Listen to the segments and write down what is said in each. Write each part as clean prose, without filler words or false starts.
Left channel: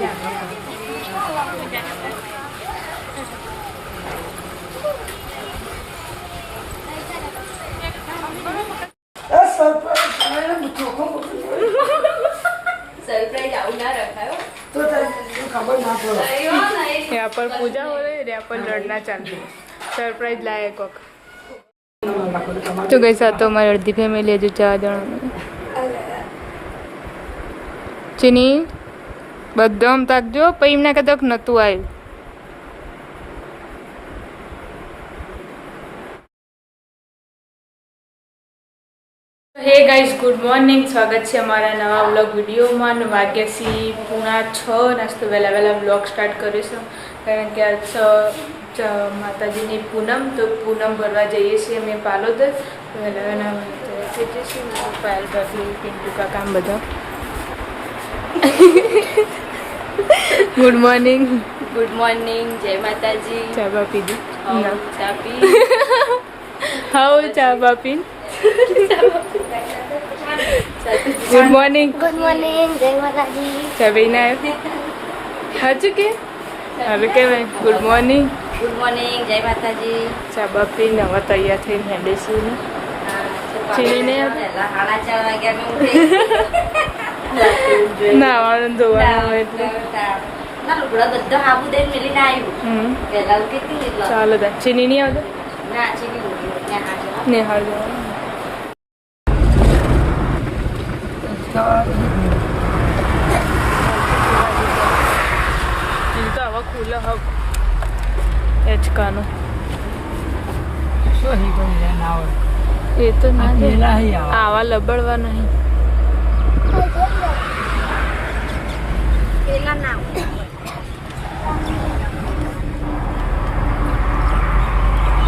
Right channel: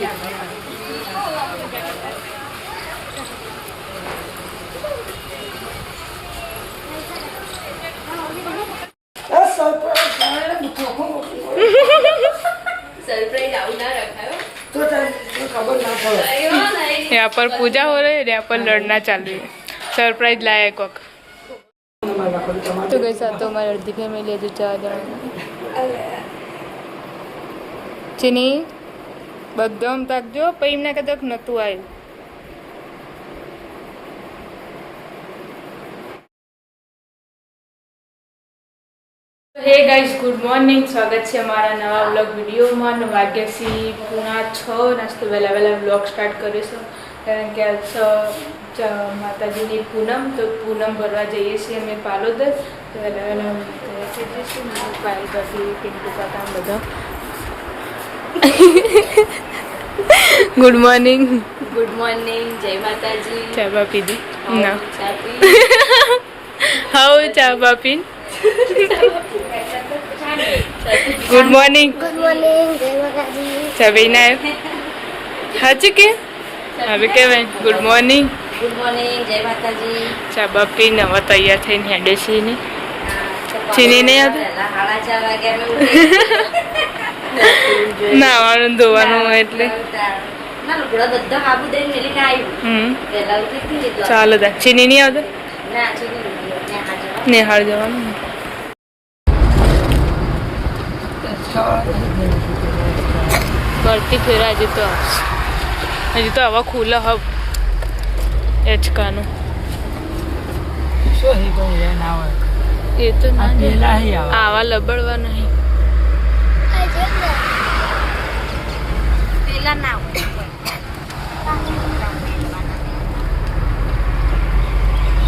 यहाँ पर पूजा हो रही है, यहाँ पर लड़ना चल रही है। सरप्राइज लाया है कोक। तो कैसा तो हमारी अर्धी फैमिली जो 4 जन चीनी बदम तक जो पीमने के तक नतु आयु। हे गाइस गुड मॉर्निंग, स्वागत है हमारा नवा व्लॉग वीडियो में। वाग्यासी 6:30 नास्तो वहेला वहेला व्लॉग स्टार्ट करीशुं कारण के आज माताजीनी पूनम, तो पूनम भरवा जईए छीए अमे पालोदर। तो वहेला वहेला થઈ જશે પાયલ ભાભી, પિન્ટુ કાકા બધા। गुड मॉर्निंग, जय माताजी। चा बा पीधी ना चा पी हाउ चा बा पीन। गुड मॉर्निंग, जय माताजी। चा पीना हाजी के હવે કહેવાય ગુડ મોર્નિંગ, જય માતાજી। ચા બા પીને હવે તૈયાર થઈને હેડે છીએ ને ચીની નહીં આવતી નાવાનું ધોવાનું એટલે ચાલો તા ચીની નહીં આવતો નેહાળ જવાનું। બળતી ફેરા હજી તો હવા ખુલ્લે હબ એચકાનું એ તો ના આવા લબડવા નહીં પેલા ના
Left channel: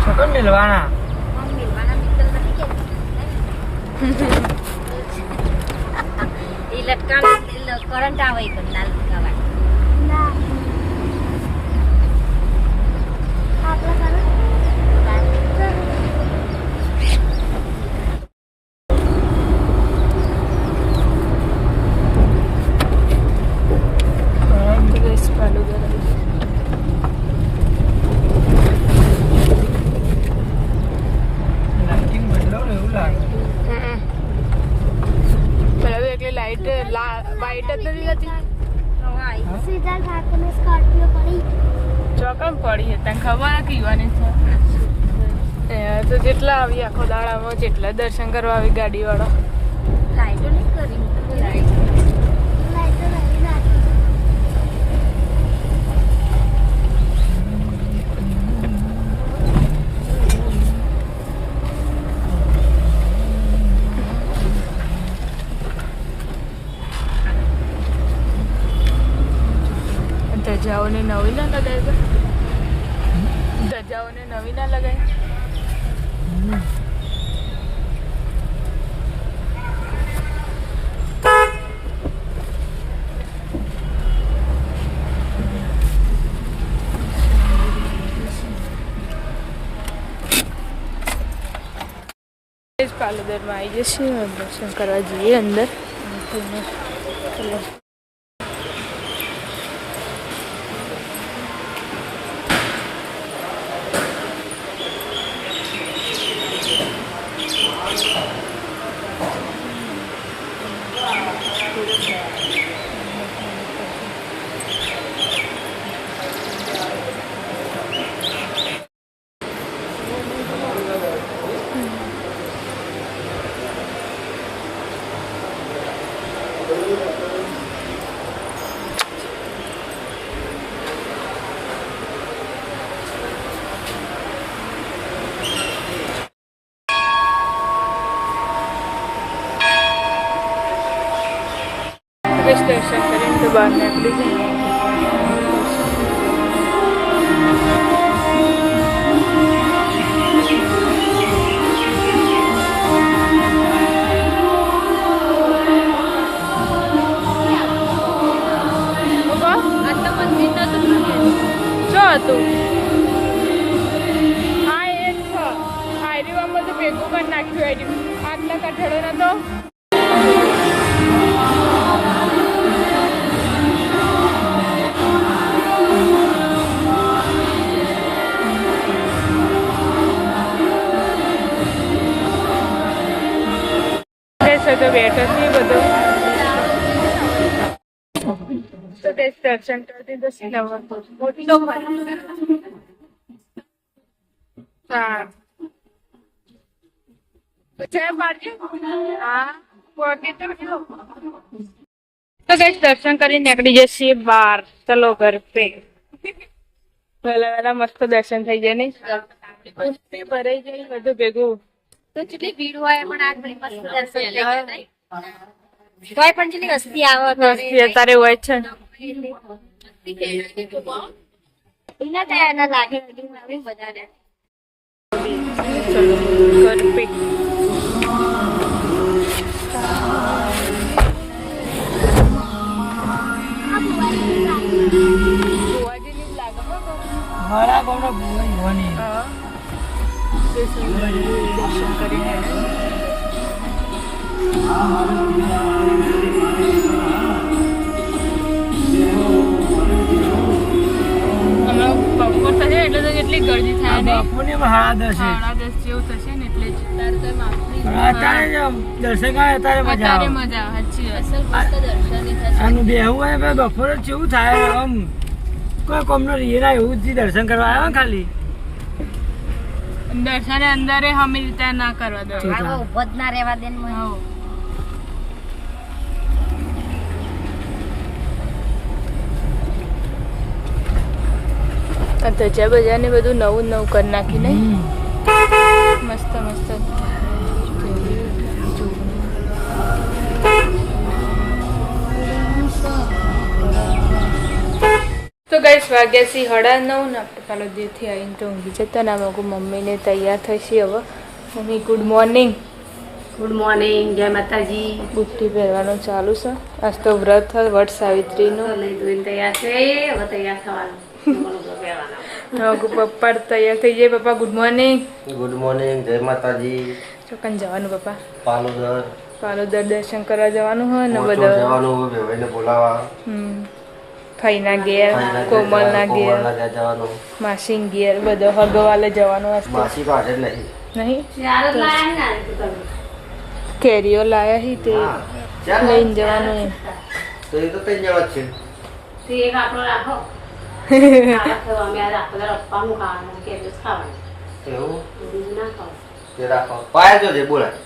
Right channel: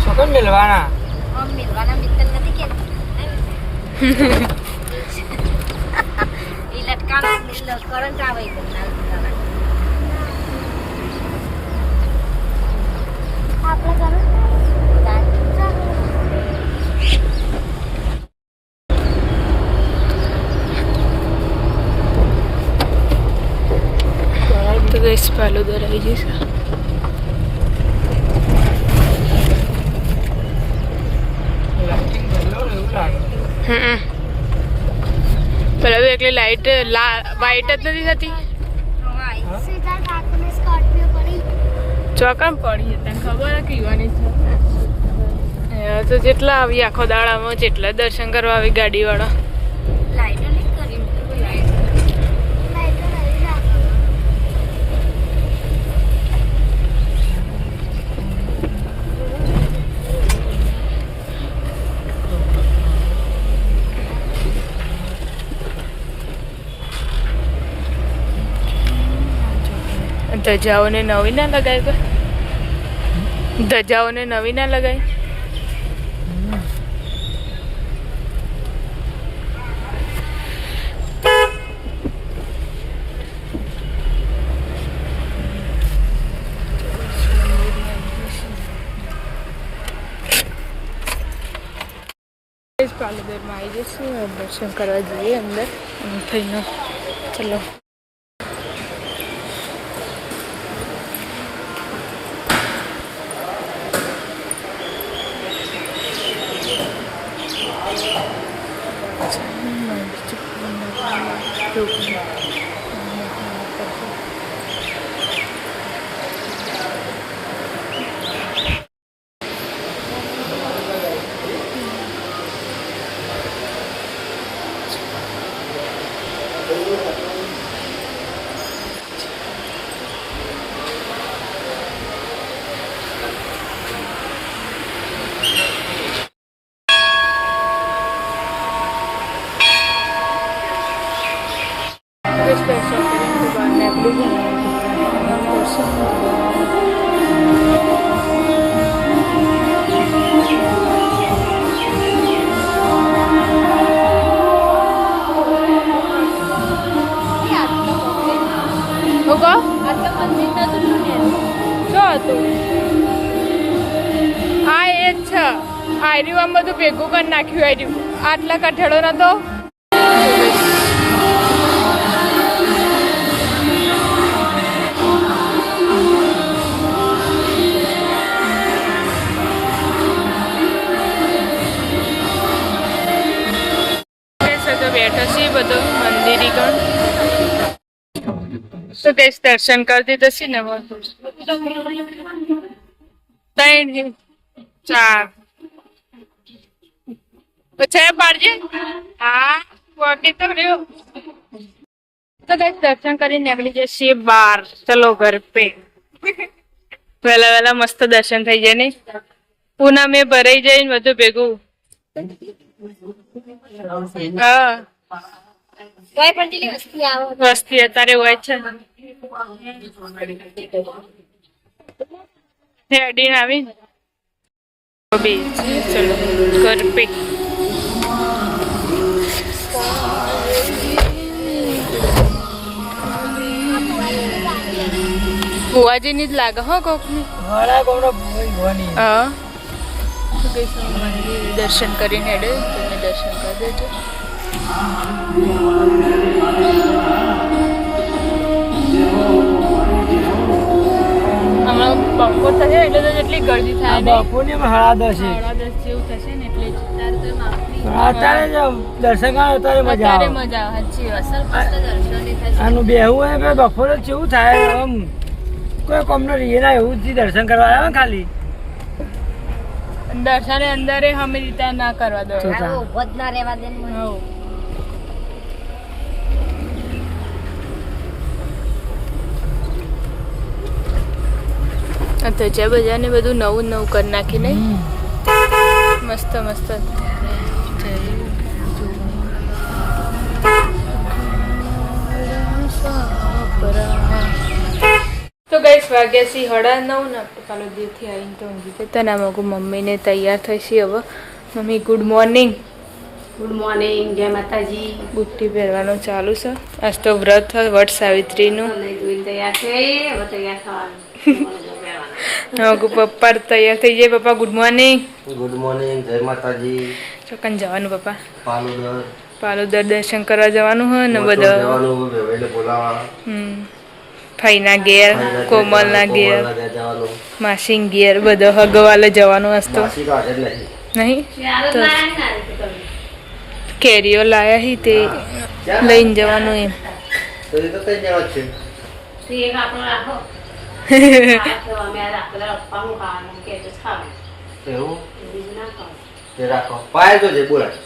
સકન મિલવાના મિત્ર નથી કે ઈ લટકાનો કરંટ આવે તો ના લટકાવા आपला करू तो गैस पालोदर आई जैसा पर अभी एक लाइट वाइट नहीं थी ચોકણ પડી તને ખબર કે યુવાની તો જેટલા આવી આખો દાડામાં જેટલા દર્શન કરવા આવી ગાડીવાળા ધજાઓને નવી ના લગાય, ધજાઓને નવી ના લગાય। પાલોદરમાં આવી જશે, દર્શન કરવા જઈએ અંદર થઈને ચલો। दर्शन करें तो बाद में अगली મંદિર નતું જો હતું હા એ જ છે આર્યું આમ બધું ભેગું કરી નાખ્યું આર્યું આટલા કઠેડો નતો તો કઈ દર્શન કરતી તો છે ને 3 4 તો 6 પાડજે હા પોટી તો રહ્યો તો કઈ દર્શન કરીને નીકળી જશે 12 ચલો ઘર પે વહેલા વહેલા મસ્ત દર્શન થઈ જાય નહીં પૂના મેં ભરાઈ જાય ને બધું ભેગું તો જેટલી ભીડ હોય પણ આ થોડી મસ્ત દર્શન હા તોય પણ જેટલી વસ્તી આવે વસ્તી અત્યારે હોય છે એના તો એના લાગે હેડીને આવી બધાને ચલો ઘર પે બુઆજીની જ લાગે હો કોક મારા ગામનો ભવાની હા દર્શન કરીને હેડે દર્શન કરી દેજો હમણાં બપોર થશે એટલે તો જેટલી ગરદી થાય ને બાપુની 10:30 સાડા 10 જેવું થશે ને એટલે જ તારે તો માફી અત્યારે જ દર્શન કરે અત્યારે મજા અત્યારે આવે મજા આવે સાચી વાત આનું બેહવું હોય ભાઈ બપોરે કેવું થાય આમ કોઈ કોમનો રીના એવું જ દર્શન કરવા આવ્યા ખાલી દર્શન અંદર હમી રીતે ના કરવા દો આવો ઉભો જ ના રહેવા દે ને મને. તો છે બજારને બધું નવું નવું કરી નાખી નહીં મસ્ત મસ્ત તો ગાઈસ વાગ્યા છે 9:30 ને આપણે પાલો દેવથી આવીને તો ઊંઘી જતા ને આમાં મમ્મીને તૈયાર થશે હવે mummy good morning good morning જય માતાજી બુટ્ટી પહેરવાનું ચાલુ છે આજ તો વ્રત વટ સાવિત્રીનું નહીં ધોઈને તૈયાર છે હવે તૈયાર થવાનું પપ્પા તૈયાર થઈ જાય પપ્પા ગુડ મોર્નિંગ જય માતાજી ચોકન જવાનું પપ્પા પાલોદર પાલોદર દર્શન કરવા જવાનું હોય ને મોટો બધા જવાનું બેવઈને બોલાવા ફઈના ઘેર કોમલના ઘેર જવાનું માસી ઘેર બધા હગવાલે જવાનું હશે માસી તો આજે જ નહીં નહીં કેરીઓ લાયા હી તે લઈને જવાનું એમ તો એ તો થઈ જવા જ છે એક આપણો રાખો અમે રાખો પપ્પા હું ખાવાનું કે ખાવાનું એવું બીજું ના ખાવું તે રાખો પાય જો જે બોલાય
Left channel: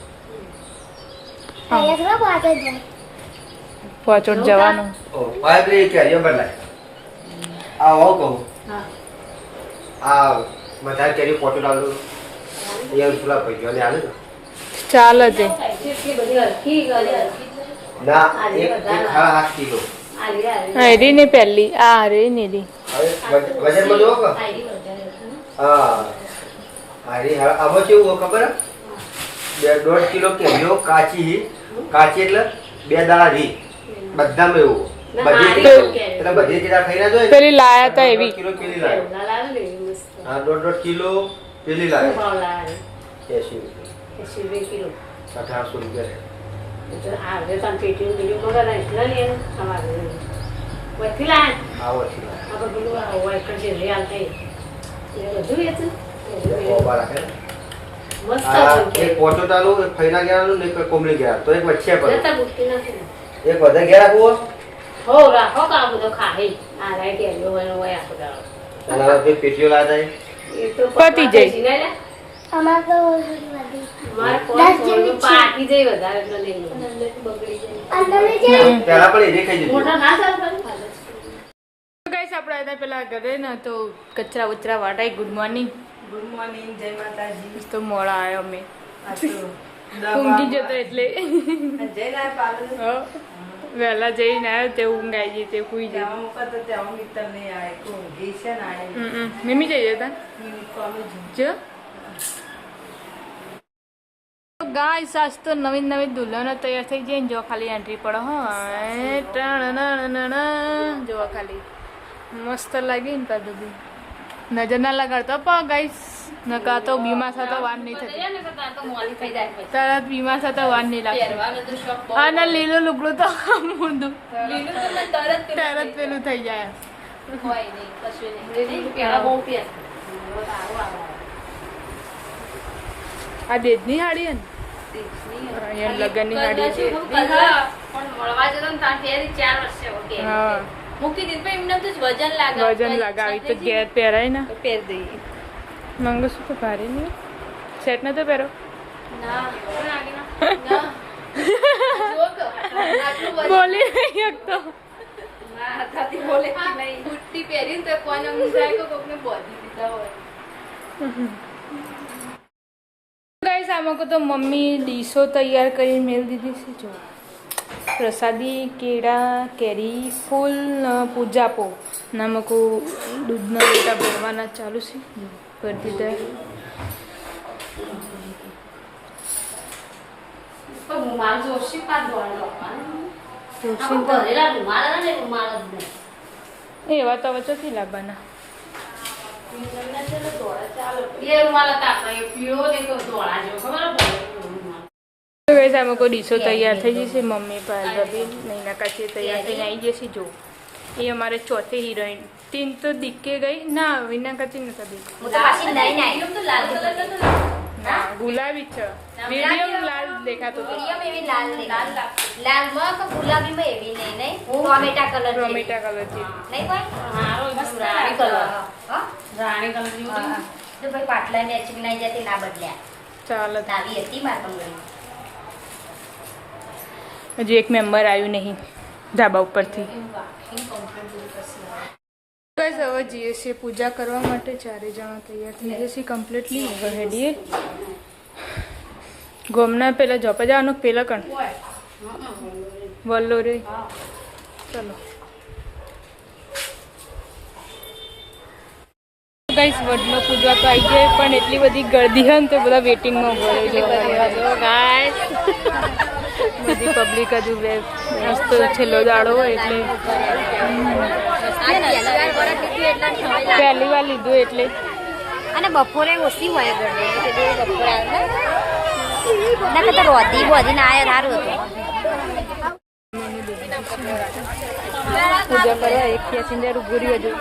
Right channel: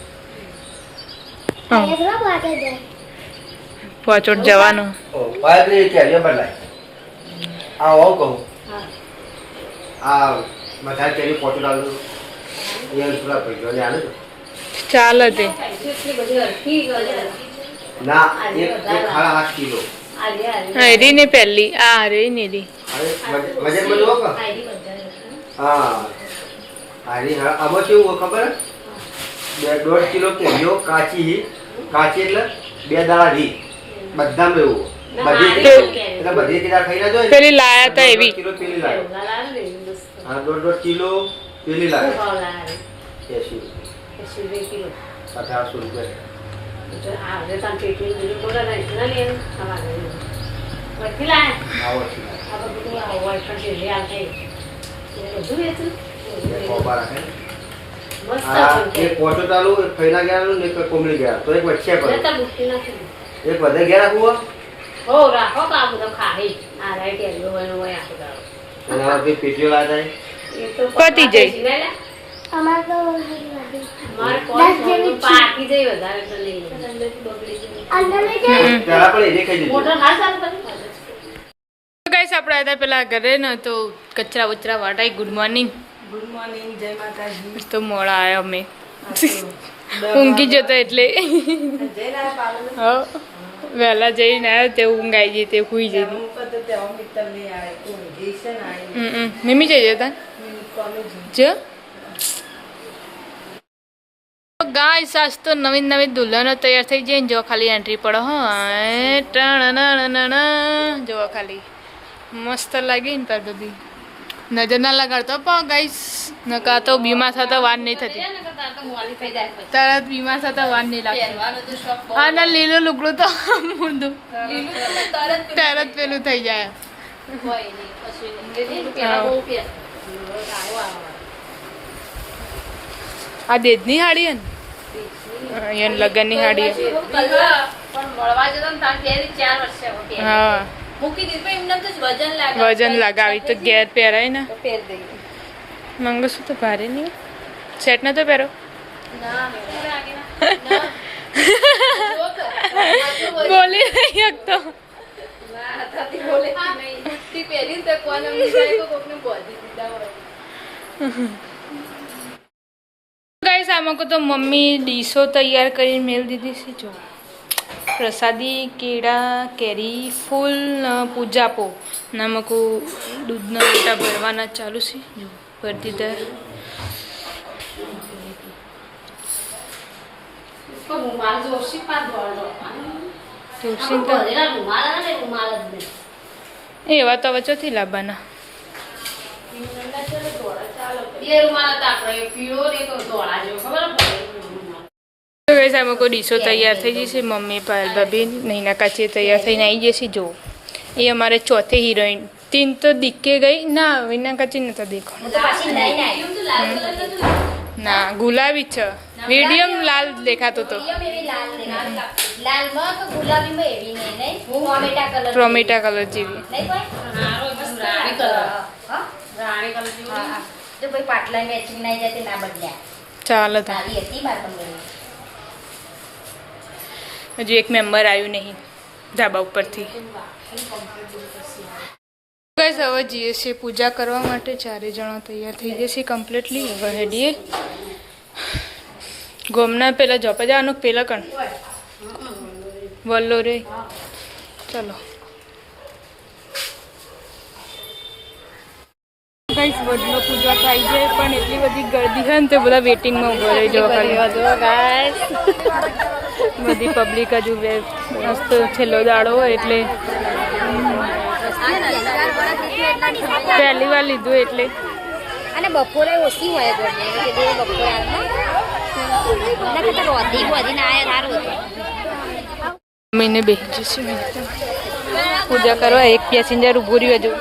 પાછોટ જવાનું ઓ પાય બી કેરીઓ બદલાય આ હું કહું આ બધા કેરી પોટો ડાલો એ પૂરા પૈસા ને આલે તો ચાલે તે એટલી બધી હરખી ના એક 8 કિલો હા રી ને પહેલી આ રે ને રી વજન માં જોવો કે હા આરી આમાં કેવું ખબર 1.5 કિલો કેરીઓ કાચી એટલે 2 દાણા રી બધામાં એવું બધી કેરા ખાઈ ના જોઈએ પેલી લાયા તા એવી કિલો પેલી લાયો હા 1.5 કિલો પેલી લાયો 80 કિલો 1800 રૂપિયા આવે પણ પેટી બીજું મગર એટલા લે અમારે વકીલા આવો છે આ બધું હોય પણ જે લે આવતા બધું હતું ઓબા રાખે મસ્ત એક પોટો ચાલુ એક ફૈના ગેરાનું ને એક કોમલી ગેરા તો એક વચ્ચે પર નતા બુકતી નથી એક વધે ગેરા કુવો હો રાખો કા બધું ખાઈ આ રાઈટ એલો હોય આખો દાડો અને હવે પેટીઓ લા જાય એ તો પતી જાય. અમાર તો મારે કોણ પાકી જાય વધારે એટલે લઈ પેલા પણ એને ખાઈ દીધું મોટા ના ચાલે ગાઈસ આપણે હતા પેલા ઘરે ને તો કચરા વચરા વાટાઈ ગુડ મોર્નિંગ ગુડ મોર્નિંગ જય માતાજી તો મોડા આવ્યા અમે ઊંઘી જતો એટલે જય ના પાલન હા વહેલા જઈને આવ્યો તે ઊંઘ આવી જઈ તે સુઈ જઈ મુકત તે હું મિત્ર મે આય કો દેશન આય મમ્મી જઈ જતા જે ગાય સાસ તો નવીન નવીન દુલ્હનો તૈયાર થઈ જાય ને જો ખાલી એન્ટ્રી પડે જો ખાલી મસ્ત લાગી ને તાર બધી નજર ના લગાડતો પણ ગાઈસ નકા તો બીમાર થતા વાર નહીં થતી તરત બીમાર થતા વાર નહીં લાગતી હા ના લીલું લુગડું તો મૂંડું તરત પેલું થઈ જાય આ દેદની હાડી હે ને અહીંયા લગનની હાડી હા મૂકી દીધું પણ એમને તો વજન લાગે વજન લગાવી તો ઘેર પહેરાય ને પહેર દઈએ મંગળસૂત્ર તો ભારે નહીં સેટ નતો પહેરો બોલી નહીં શકતો બુટ્ટી પહેરીને તો કોને જાય તો કોકને બોધી દીધા હોય ગાઈસ આમાં તો મમ્મી ડીશો તૈયાર કરીને મેળ દીધી છે જો પ્રસાદી કેળા કેરી ફૂલ પૂજાપો નામકો દૂધના લોટા ભરવાના ચાલુ છે જો ભરી દીધા રૂમાલ જોશી પાછ દોડો જોશી તો રૂમાલ ને રૂમાલ જ નહીં એવા તો વચ્ચેથી લાવવાના એ રૂમાલ હતા આપણે પીળો ને તો ધોળા જેવો ખબર પડે તો ગાઈસ આમાં કોઈ ડીશો તૈયાર થઈ જશે મમ્મી પાયલ ભાભી નૈના કાચી તૈયાર થઈને આવી જશે જો એ અમારે ચોથી હિરોઈન તીન તો દીકે ગઈ ના વિના કાચી નતા દેખો હું તો પાછી લઈને આવી ના ગુલાબી છે મીડિયમ લાલ દેખાતો તો એવી લાલ લાલમાં તો ગુલાબીમાં એવી નહીં ટોમેટા કલર ટોમેટા કલર જેવી નહીં કોઈ રાણી કલર હા રાણી કલર જેવું હા. તો ભાઈ પાટલા મેચિંગ નહીં જતી ના બદલ્યા ચાલો તો નાલી હતી મારા કંપની હજુ એક મેમ્બર આવ્યું નહીં ધાબા ઉપરથી ગાઈસ હવે જઈએ છીએ પૂજા કરવા માટે ચારે જણા તૈયાર થઈ જશે કમ્પ્લીટલી હવે હેડીએ ગોમના પેલા જોપા જવાનું પેલા કણ વલ્લો રે ચલો ગાઈસ વડલો પૂજા તો આવી જાય પણ એટલી બધી ગરદી હોય ને તો બધા વેટિંગમાં ઉભો રહી જવા ગાઈસ બધી પબ્લિક હજુ મસ્ત છેલ્લો દાડો હોય એટલે પહેલી વાર લીધું એટલે અને બપોરે ઓછી હોય ગરમી કે બે બપોરે આવે ના કરતા વધીને આયા સારું હતું મહિને બેસી જઈશું પૂજા કરવા એક પેસેન્જર ઊભું રહ્યું હજુ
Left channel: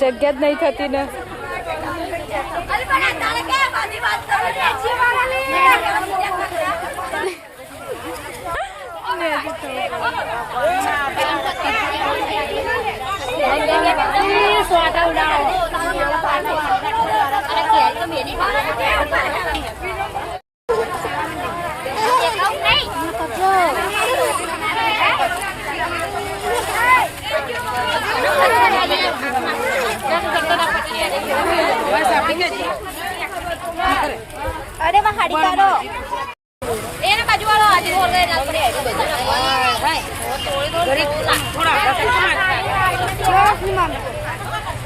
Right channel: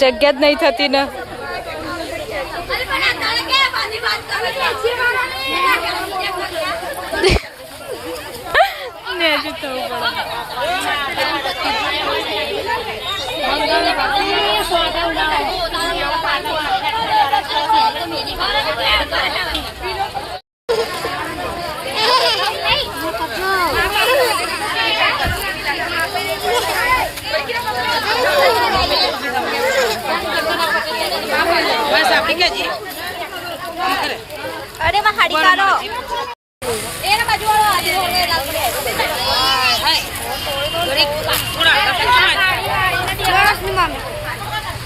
જગ્યા જ નહીં થતી ને અરે માં હાડી કાઢો એના બાજુ વાળો હાડી હોલે ના પડે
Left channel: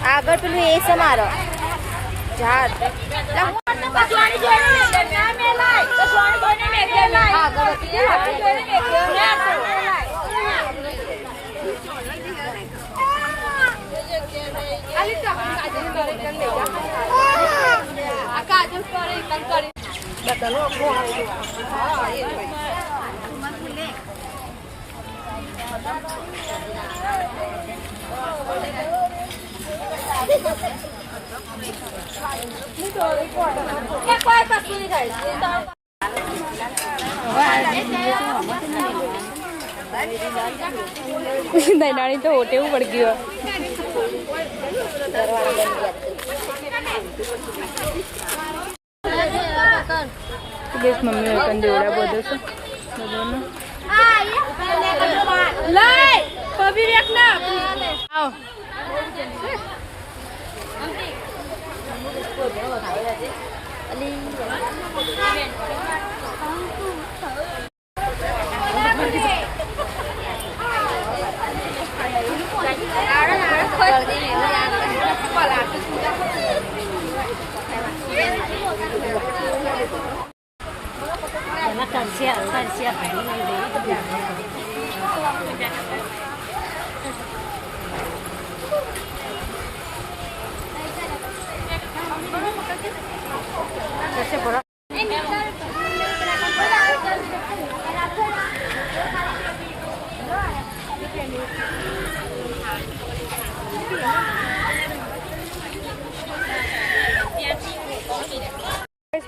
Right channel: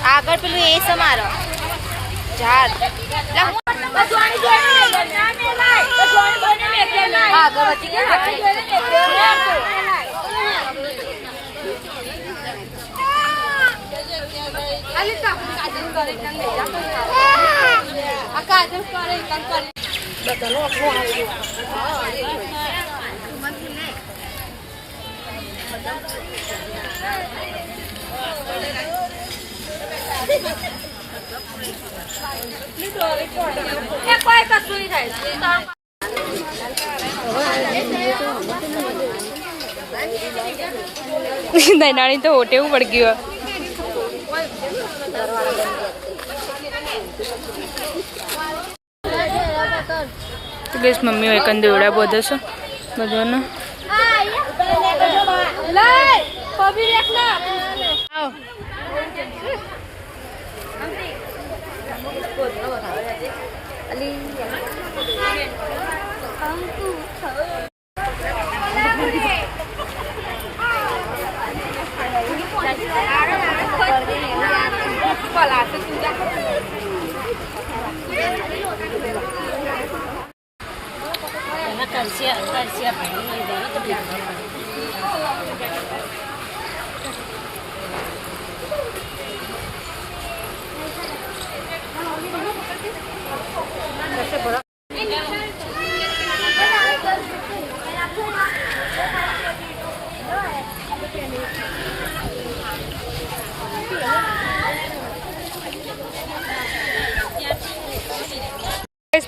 આગળ પેલું એ સમારો ઝાડ કોઈ કશું નહીં થાય દૈનાણી તો હોટેવું પડી ગયું તો ગેસ મમ્મી હોય કંદ દોડા બધો છો બધાનો આવ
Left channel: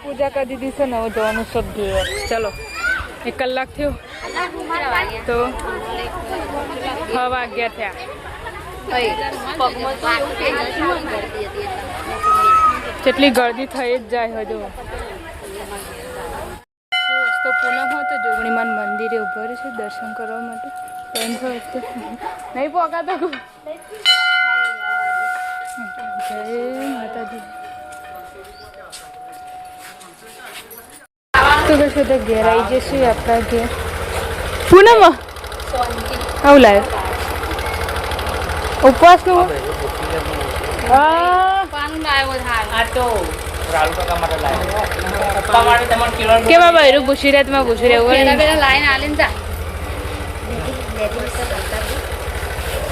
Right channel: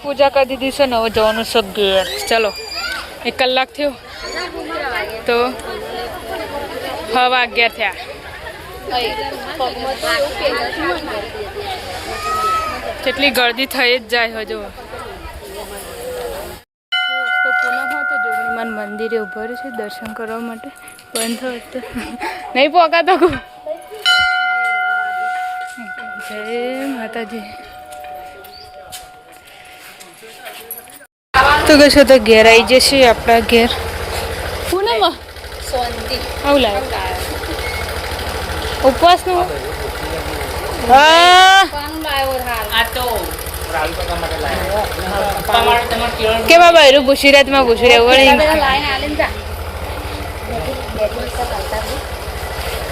પૂજા કરી દીધી છે ને હવે જવાનું છે ઘેર ચલો 1 કલાક થયો તો 6 વાગ્યા થયા કેટલી ગળદી થઈ જ જાય હજુ તો પૂનમ હોય તો જોગણીમાન મંદિરે ઉભો રહ્યો છે દર્શન કરવા માટે બંધ હોય તો નહીં પોકાતો જય માતાજી તો કશો તો ઘેર આવી જશે આપણા ઘેર પૂનમ આવું લાગે ઉપવાસનું કે બાબા એરું પૂછી રહ્યા તમે પૂછી રહ્યા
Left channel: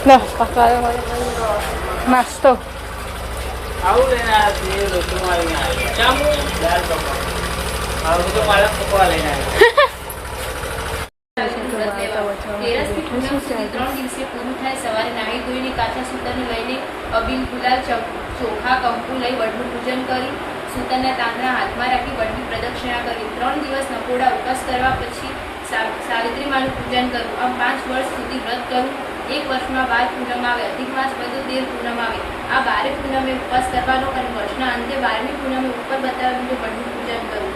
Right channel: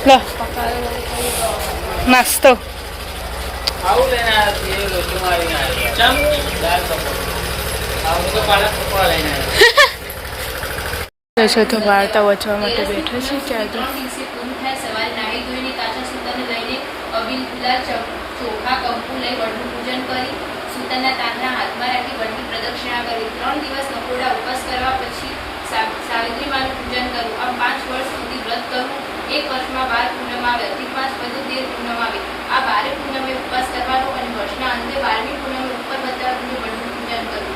લો નાસ્તો તો વાર્તા વચવા માટે બેઠા છે ચાર્જર સવારે નાહી ધોઈને કાચા સૂતરને લઈને અબીલ ગુલાલ ચોખા કંકુ લઈ વડનું પૂજન કરી સૂતરના તાંતણા હાથમાં રાખી વડની પ્રદક્ષિણા કરી 3 દિવસ નકોડા ઉપવાસ કરવા પછી સાવિત્રી માનું પૂજન કર્યું આમ 5 વર્ષ સુધી વ્રત કર્યું 1 વર્ષમાં 12 પૂનમ આવે અધિક માસ પહેલો 13 પૂનમ આવે આ 12 પૂનમે ઉપવાસ કરવાનો અને વર્ષના અંતે 12મી પૂનમે ઉપર બતાવેલું વડનું પૂજન કર્યું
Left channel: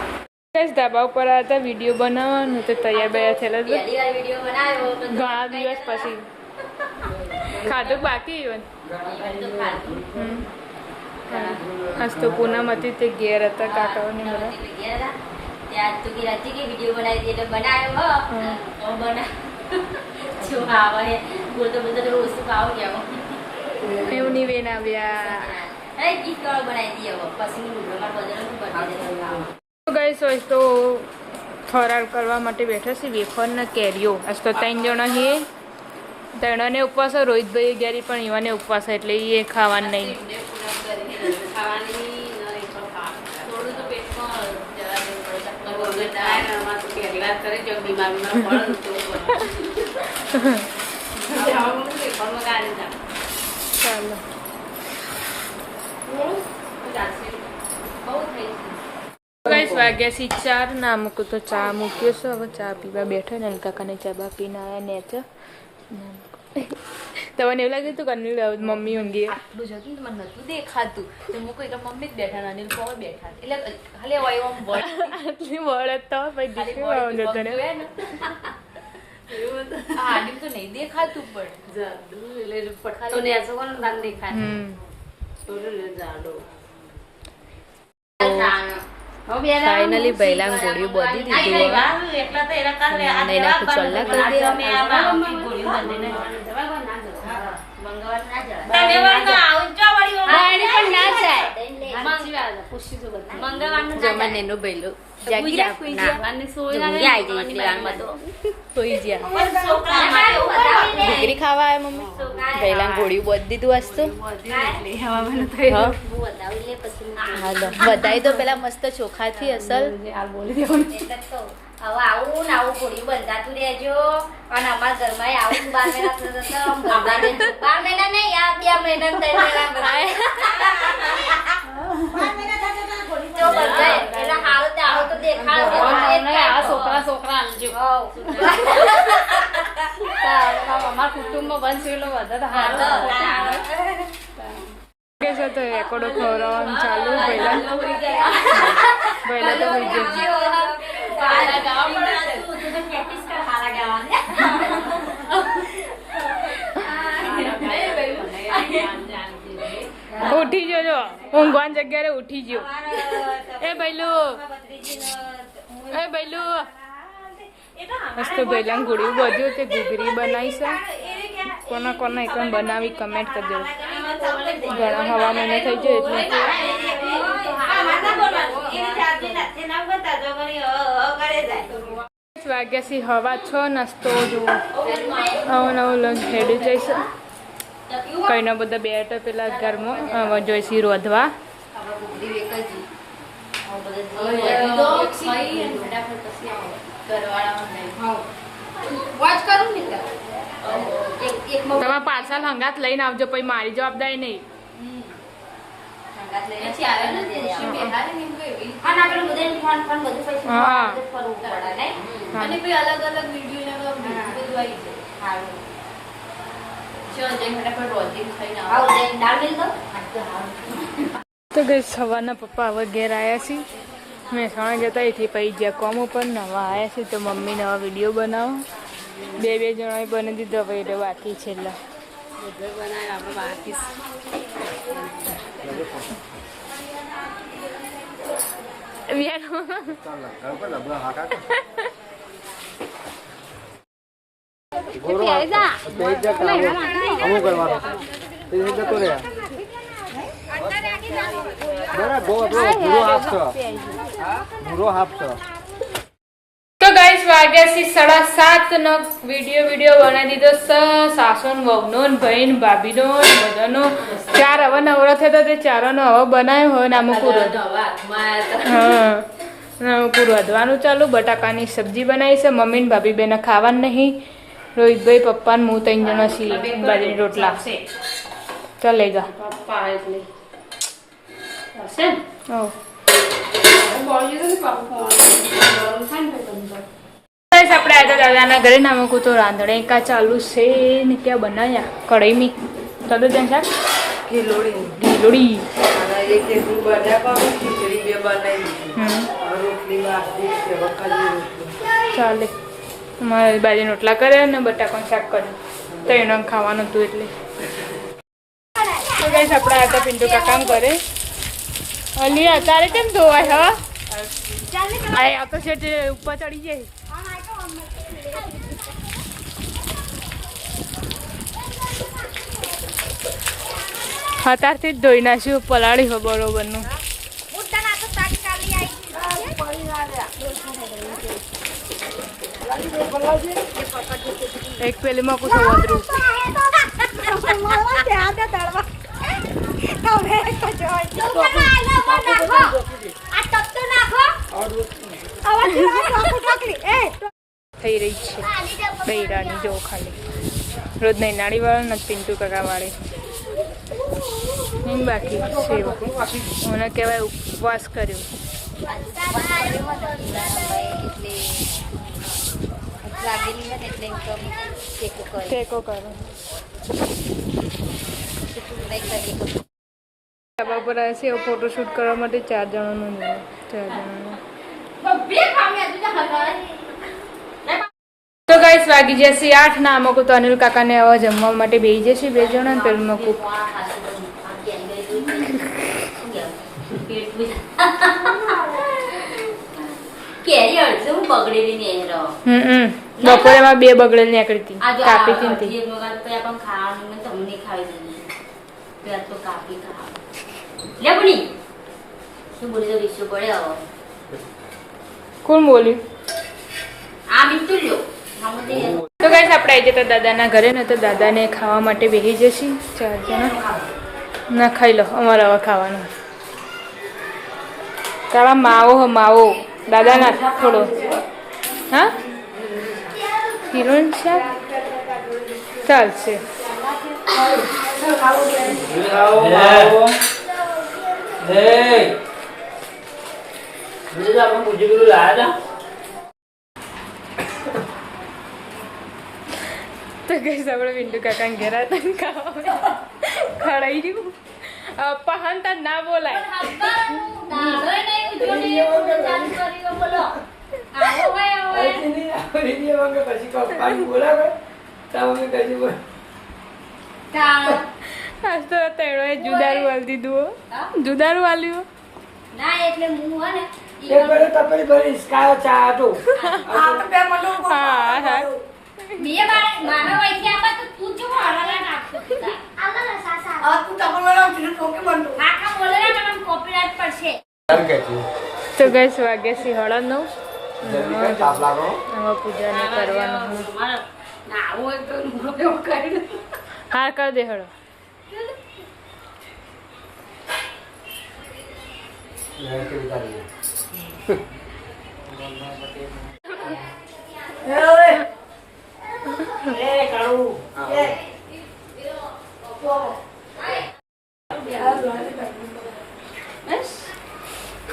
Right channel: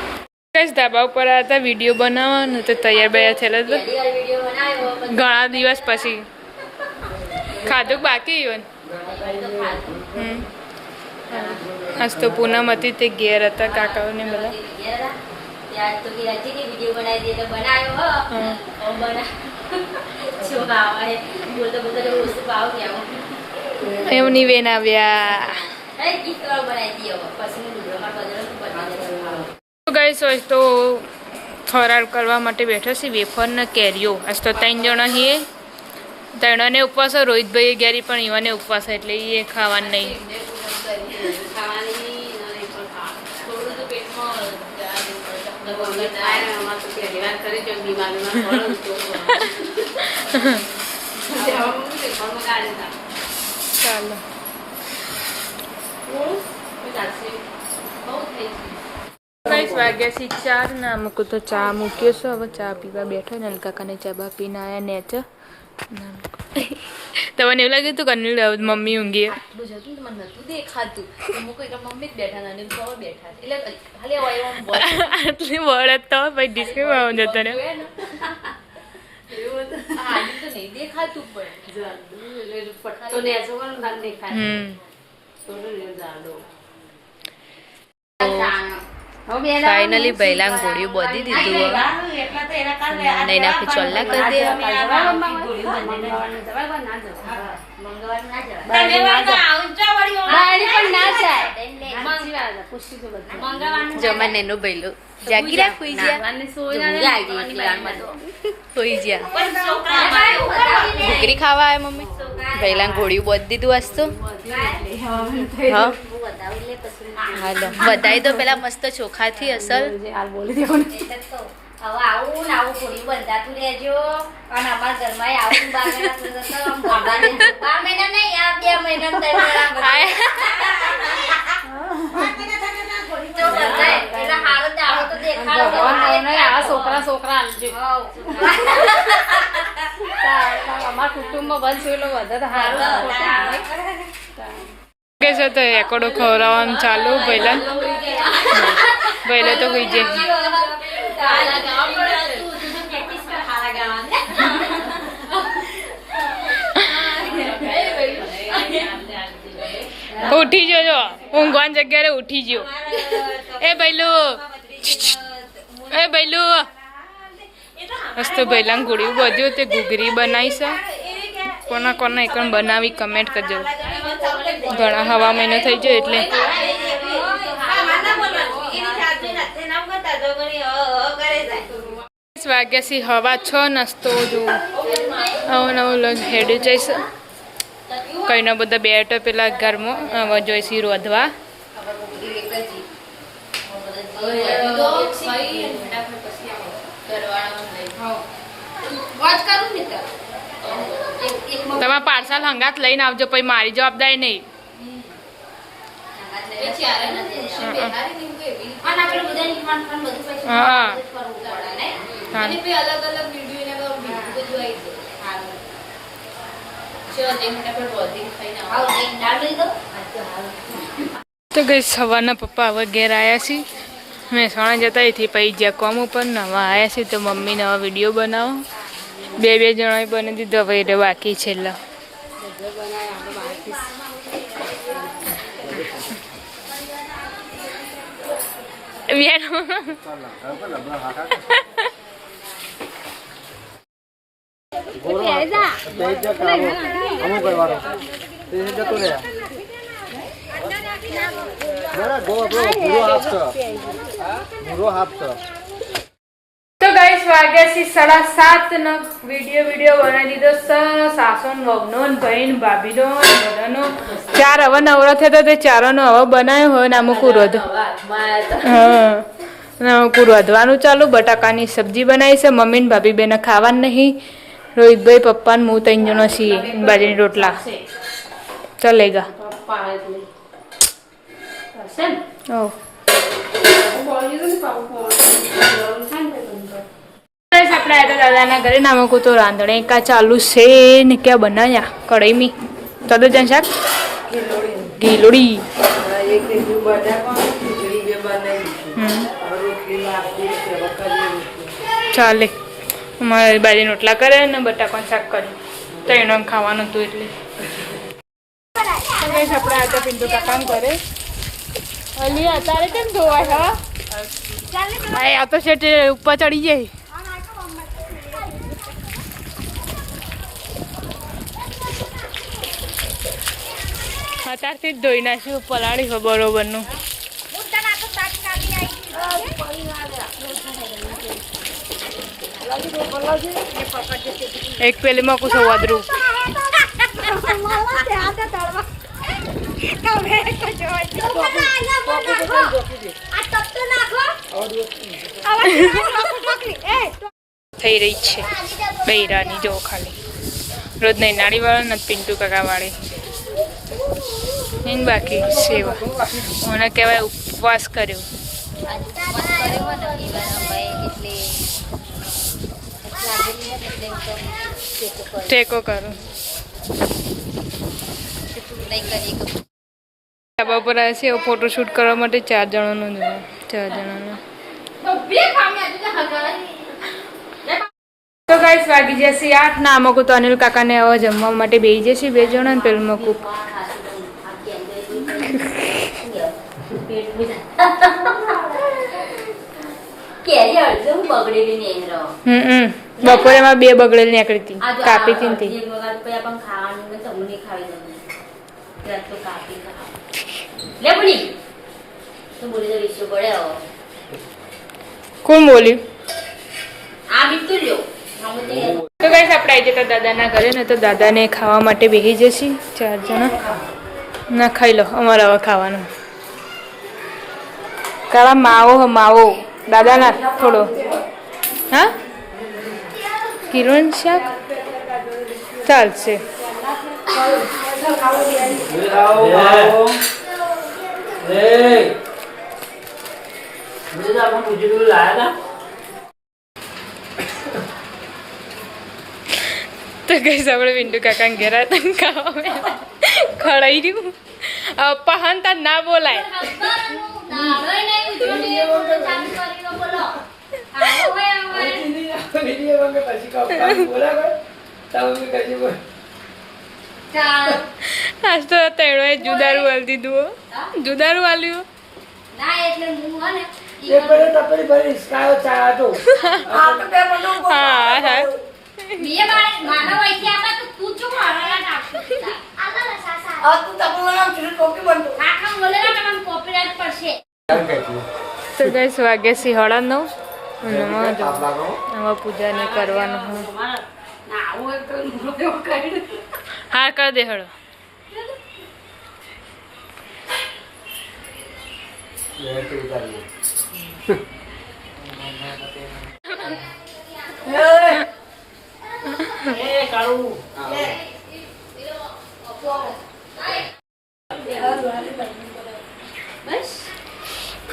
કઈ ધાબા ઉપર આવ્યા હતા વિડીયો બનાવવાનું તો તૈયાર બૈયાર થયેલા હતા વિડીયો બનાવ્યો ઘણા દિવસ પછી ખાધું બાકી ઇવન આજ તો પૂનમ હતી તે ઘેર હતા કાકાઓને બધા ત્યાં તો કે હતી કે વિડીયો બનાવી દે એટલે બનાવ્યો હો બના જો આવે બોલતો બોલતો વસ્તુ પાવ ગયા એવું નહીં વેન આવ્યા એ ગીત કળ બનાવી દે પછી વિડીયોમાં બદલવું બનાવી ગાઈસ હોય તો ફરાર કરવા માટે બેઠા છે વેફર ને કેરીઓ આજ તો 3 જણા છીએ 3ને ઉપવાસ રોહિતભાઈ ગેરી પણ ઈવાને ઉપવાસ એટલે એ ખાવાનું નહીં ચાલો ગાઈસ વાગ્યા છે 4 ને અમુક તો ચા મૂક્યો છે હવે ચા પીવા બેઠા ને કાકાને ચા બા પીને આવ્યા નેચ તમને એવું લાગ્યું હતું કે અનિલ મમ્મી ઊંઘી આટલું જતું તો મને નતું દેખાતું તો મૂકો એટલે મમ્મી જ બેઠા હતા અનિલ પર બેઠા એટલે ખાલી વાયમ બોલ આટલી વળત તો પછી ડિસ્કસ આવું જતો ને એવું તો આનિલ તો નહીં દેખાતું પણ તો ને એસો કોણ નામ દેખાતું તો રે જાડો ફાઇનલી બૈલાંગ ગોળીઓ બધી દીધું નૈના કો ચોલ્લા કરી દે જમા નેનો બૈલો જાગી રાખ કોઈ સોઈ જ્યા ઘૂઘરી ખાવા આવે મમ્મી બૈલાંગ ગોળીઓ બધી દીધું વાસ્તુ હાલો વધાઈ દો પેલા મસ્ત ચોખાથી અસલ હવે આવું ને આવું ઘોડી બંધાતું રહેજો અને અમારા ઘરમાં આવું 12 મહિના નહીં આ 2 મહિના છોકરા અમારા કુટુંબમાં બંધ કે છે તો એકોડો ખવડાવવાનું ચાલુ પહેલા તો હોઈ જાય ઉઠી જજો ઊંઘવાની જગ્યાએ ઉઠી ગયો એ બૈલું મસ્ત બૈલાંગ ગોળીઓ બધું તે ઘૂઘરી બનાવી છે કોના એક બનાવી કમેન્ટ કરજો ઘણા હવા મહિનો થઈ જાય એટલે વાગ્યા છે હવા 6 નાસ્તો જો નવું હેડ્યું જઈશ કઈના બધા બેઠો પેલા ઘરમાં જોઈશી રોધવા તમે પાર્સલ હંગાત લઈને આવજો પછી મારી જવાબદારી નહીં ચલ ને ફટાફટ રોટી ખાઈને આવો. આવ બેન દાળ લઈ દો તો ગઈ સવારના પપ્પા હવે ઘેર આવ્યા છે મહેસાણા જતા એથી પછી જ્યાં કોમ ઉપર ને હવે આવ્યા છે તો મમ્મીને હવે વિડીયો બનાવો બે જણાએ બની દીધો હવે એટલે બાકી છેલ્લા અમુક કરવાનો જતો રહ્યા તો ગાઈસ વાગ્યા છે 7:30 નો વિડીયો બનાવી દીધો સાસુ ને વહુનો ને ભાઈ ને ભાભીનો ને બધાનો ચાર હવે નવરો થયો તો તે ચારોનો હવે બનાવ્યો હોય ને અમુક અમુક વધવાનું ચાલુ બટાકાની સબ્જી બનાવી છે મમ્મી ને ભાભી બેને ખાવાનું નહીં રોહિતભાઈ પપ્પા ને હું 3 જણો છીએ બાજરીના રોટલા ચલેગા આપણે આવ્યા દાદાના ઘરે નામકું તો રાંધણે કા ચાલુ છે ને ક્યાં બનાવ્યા કઢાઈમી ચદુજન શાક ગીલોડી ચાલે અમારે બાજરીના રોટલા કરે ને બટાકાનું શાક કર્યું તો એનો ખાવાનું હતું એટલે આપણે આવ્યા હતા પિન્ટુ કામ કરે અલી અત્યારે કેમ ધોવાય હા આ તો છે ઉપર ચડી જાય અત્યારથી જ ધોઈ નાખ્યું પલાળી હોય બરોબરનું એક પેલીમાં કુછ વધરું થઈ રહી છે બૈરાની જો ખાલી રોજ નહીં નાળી વાળા નથી પિન્ટુ કાકા વાળી એની બાકી સેવા મને કહેવાય ઉપવાસ કર્યો ટેકો કરો ધાબા પર આવે છે એવો ફોટોશૂટ કરવા માટે 4 જણાનો જોઈએ 4 જણાનો તો ગાઈસ વાગી જશે 8 ના અમુક તો અનિલ કાકાને હવે જમવા માટે બેસી જશે 2 જણા ને પેલું મકું બપોરે એમાં 2 બગડેલી નીકળી હતી કાપી હતી કોણ બોલ્યું તો ગાઈસ આપણે આવી જતા દાદાના ઘરે ને તો દાદાને ખાવા માટે બેસી જશે 4 જણા ના ખાઈ લો અમારે હવે ખાવાનું કાળા માવો દાદાના થોડો હા કિરણ શાક ચાલશે તો ગઈ આપણે પિન્ટુ કાકા ઘેર હતા ખડાઈ રહ્યું પહાનતા ના બોલાય આજ તો તેડો જુદારું હાલ દીધું જુદારું હાલ્યું હા તો ગઈ વાગ્યા સી 9:30 આમાં પૂજા ને કરવાનું હા કર દે હળો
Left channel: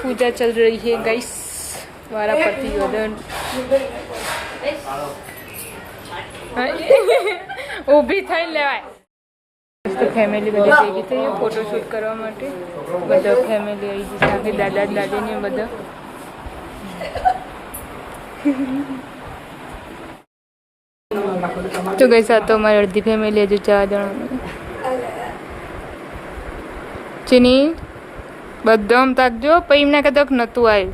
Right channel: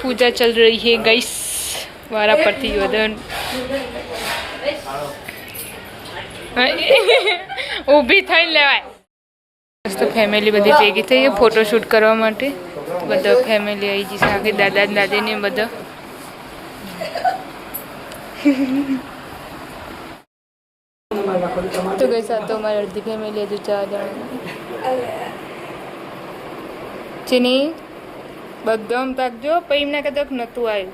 पूजा चल रही है गाइस वारा पड़ती योदन ઊભી થઈને લેવાય મસ્ત ફેમિલી બધી ભેગી થઈ ફોટોશૂટ કરવા માટે. બધા ફેમિલી આવી જશે આખી દાદા દાદી ને બધા. તો ગઈ આ તો અમારી અડધી ફેમિલી હજુ 4 જણા. ચીની બધા આમ તાકજો પછી એમને કદાચ નહોતું આવ્યું.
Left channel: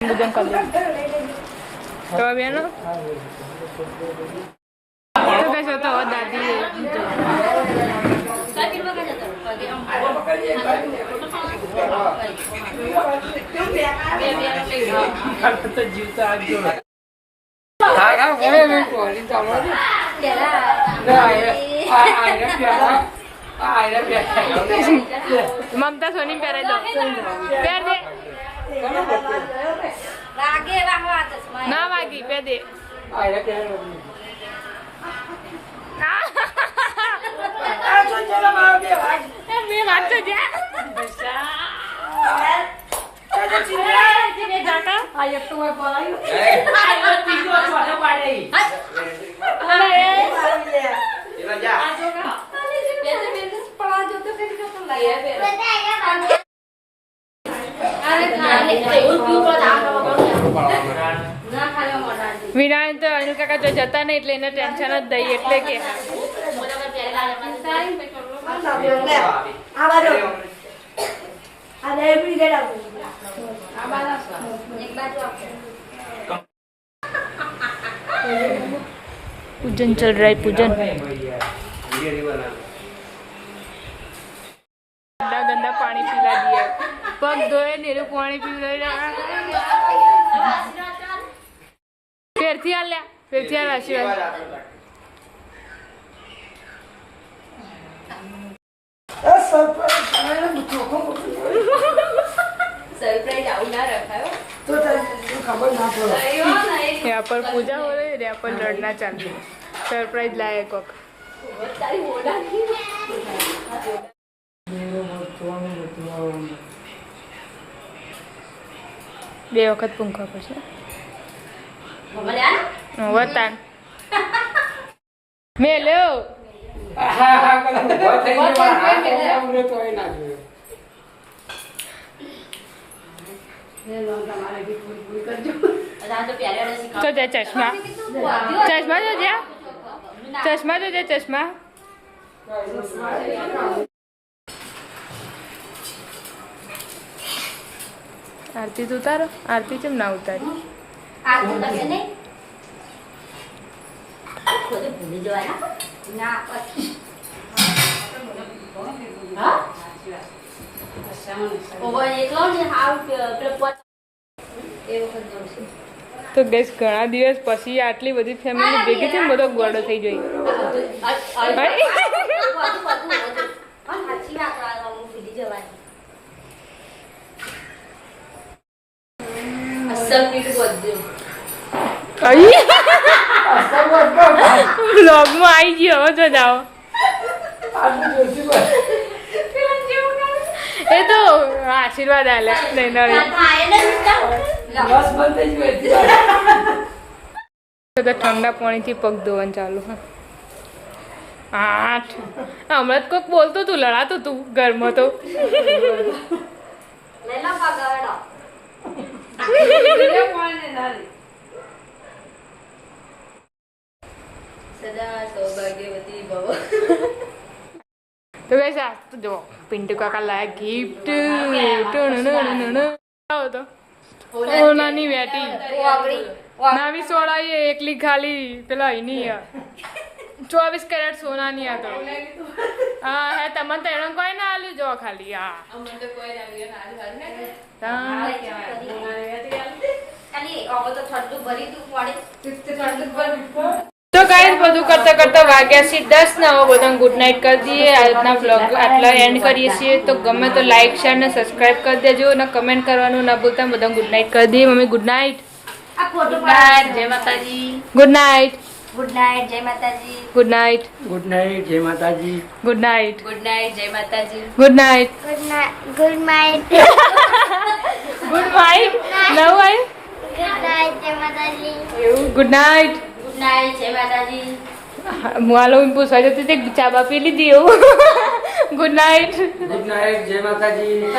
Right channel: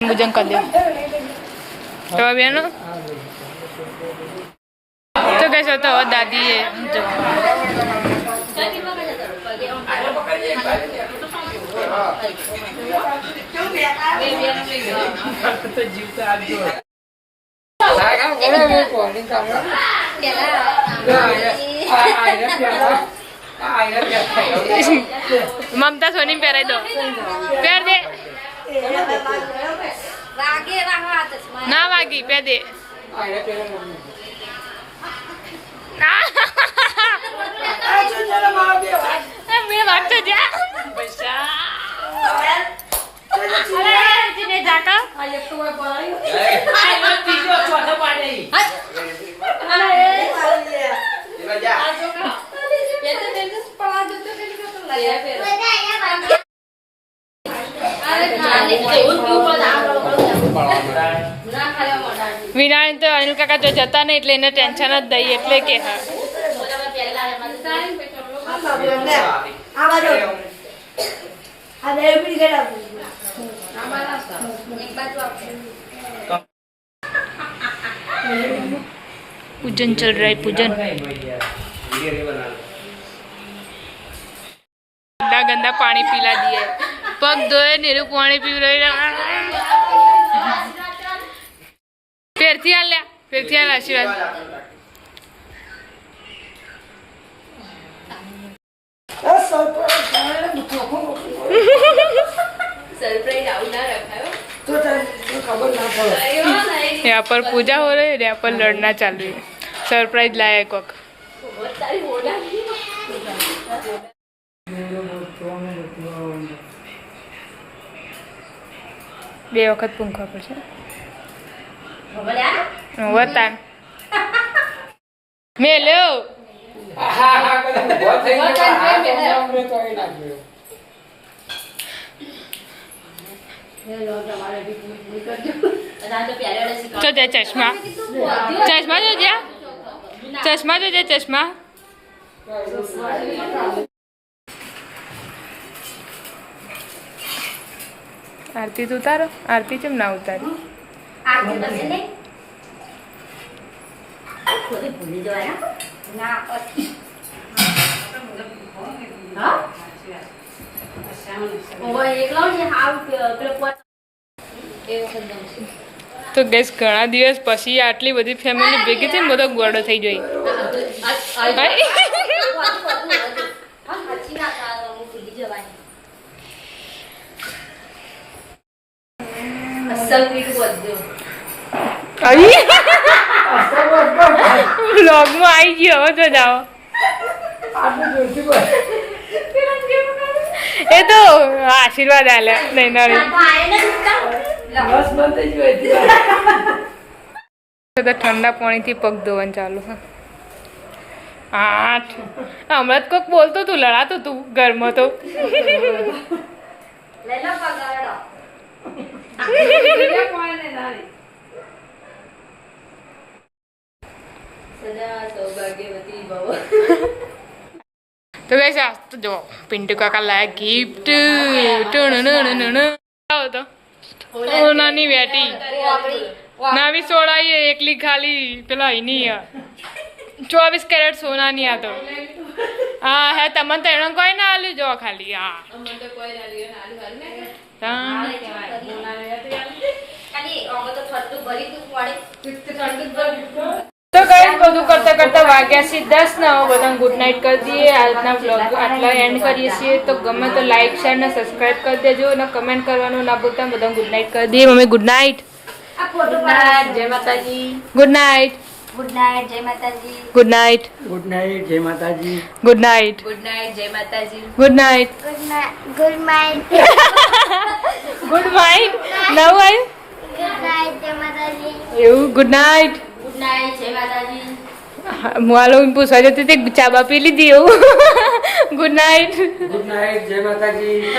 પૂજન કરી દે તો બેનો. તો કહેશો તો હવે દાદી મમતા સોની પહેરાઈ દો. પહેર દે. ના વાગી પહેર દે. મેં વાગતો જા વિનાયણ તો અનિલ કાકા જો જતા નહીં એટલે એને ટેન્શન જ દઈ એટલે કે पूजन चल रहा है पूजन. गंदा गंदा पानी पिला दिया है. पग धोए नीरू पानी पी रही. फिर थी आशीर्वाद. यहाँ पर पूजा हो रही है, यहाँ पर लड़ना चालू है. सरप्राइज लाया कोक. બે વખત પૂંખવા પડશે. વતાન મેલ્યો. તો જય ચશ્મા ચશ્મા જો જ્યાં ચશ્મા જો જય ચશ્મા. આરતી તો ઉતારો. આરતી કેમ ના ઉતારી? તો ગેસ ઘણા દિવસ પછી આટલી બધી ફેમિલી ભેગી થઈને બધો ગોળો થઈ જોઈ. વ્લોગમાં આવી ગયો હવે તો જાઓ. એ તો આશીર્વાદ આલ્યા નહીં ઠંડા પાણીથી પગ ધોવાનું ચાલુ. 8 હમણાં જ કોઈક બોલતું તું, લડાતું તું ઘરમાં તો. તો ગઈ આ તો જો પિન્ટુ કાકા લાયા ગિફ્ટ. તો સોનાની વેટી નવી સોળાઈએ એકલી ખાલી પેલા એની 24 કેરેટ સોનાની આ તો. હા હે તમને તો એનો કોઈ ના આલ્યું જો ખાલી. હા તો ગાઈસ બધું કરતા કરતા વાગ્યા છે 10 ને હવે બધાને ગુડ નાઇટ કરી દઈએ. આજના વ્લોગ આટલા એન્ડ કરીએ છીએ. તો ગમે તો લાઈક શેર ને સબસ્ક્રાઇબ કરી દેજો અને કમેન્ટ કરવાનું ના ભૂલતા. બધાને ગુડ નાઇટ કરી દઈએ. Mummy good night. Good night જય માતાજી. Good night. ગુડ નાઇટ જય માતાજી. Good night. ગુડ નાઇટ જય માતાજી. Good night. ગુડ નાઇટ જય માતાજી. Good night. Good night. Good night. નવ આવ્યું ગુડ નાઇટ જય માતાજી. એવું. Good night. ગુડ નાઇટ, જય માતાજી. હું આ લોકો પૂછવા જતી તે ચા બા પી લીધી એવું. Good night. ગુડ નાઇટ, જય માતાજી.